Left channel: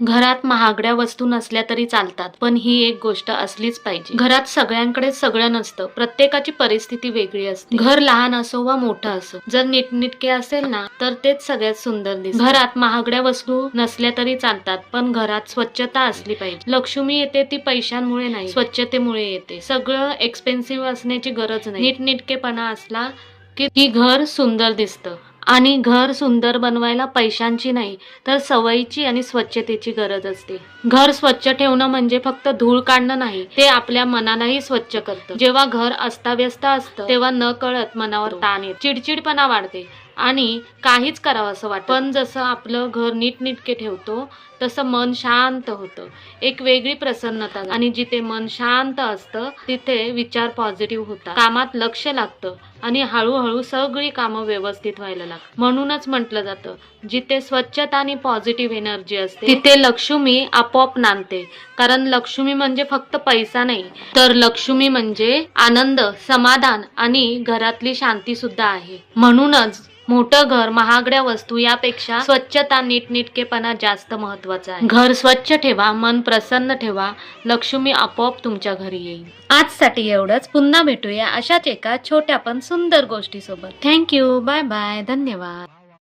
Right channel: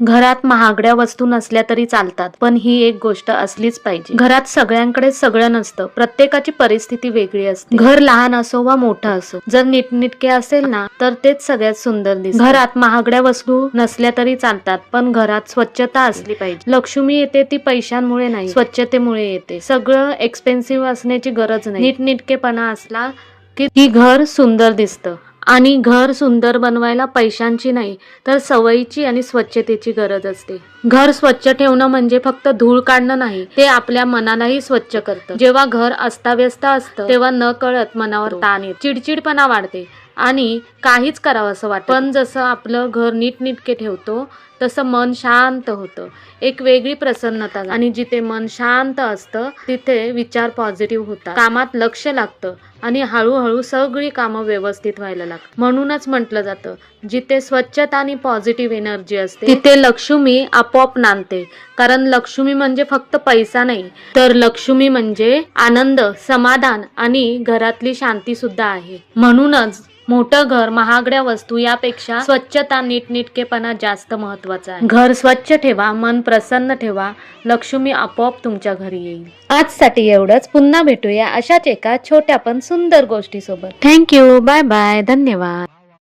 घरात महागड्या वस्तू नसल्या तरी चालतात, पण ही एक गोष्ट असलीच पाहिजे. घरात सगळ्यांकडे सगळं नसतं, प्रत्येकाची परिस्थिती वेगळी असते. घर लहान असो वा मोठं असो, जर नीटनेटके असेल ना तर तेच सगळ्यात सुंदर दिसतं. घरात महागड्या वस्तू नसल्या तरी चालतात, पण घरात स्वच्छता असली पाहिजे. लक्ष्मी येते ती पैशांमुळे नाही, स्वच्छतेमुळे येते. सगळं एक्सपेन्सिव्ह असण्याची गरज नाही, नीटनेटकेपणा असला की घर सुंदर दिसतं. आणि घर सुंदर बनवायला पैशांची नाही तर सवयीची आणि स्वच्छतेची गरज असते. घर स्वच्छ ठेवणं म्हणजे फक्त धूळ काढणं नाही, ते आपल्या मनालाही स्वच्छ करतं. जेव्हा घर अस्ताव्यस्त असतं तेव्हा न कळत मनावर ताण येतो, चिडचिडपणा वाढते आणि काहीच करावं असं वाटतं. पण जसं आपलं घर नीटनेटके ठेवतो तसं मन शांत होतं, एक वेगळी प्रसन्नता. आणि जिथे मन शांत असतं तिथे विचार पॉझिटिव्ह होतात, कामात लक्ष लागतं आणि हळूहळू सगळी कामं व्यवस्थित व्हायला लागतात. म्हणूनच म्हटलं जातं, जिथे स्वच्छता आणि पॉझिटिव्ह एनर्जी असते तिथे लक्ष्मी आपोआप नांदते. कारण लक्ष्मी म्हणजे फक्त पैसा नाही, तर लक्ष्मी म्हणजे आनंद, समाधान आणि घरातली शांती सुद्धा आहे. म्हणूनच मोठं घर, महागड्या वस्तू यापेक्षा स्वच्छता, नीटनेटकेपणा जास्त महत्वाचा आहे. घर स्वच्छ ठेवा, मन प्रसन्न ठेवा, लक्ष्मी आपोआप तुमच्या घरी येईल. आजसाठी एवढंच. पुन्हा भेटूया अशाच एका छोट्या पण सुंदर गोष्टी सोबत. थँक्यू. Bye bye. धन्यवाद.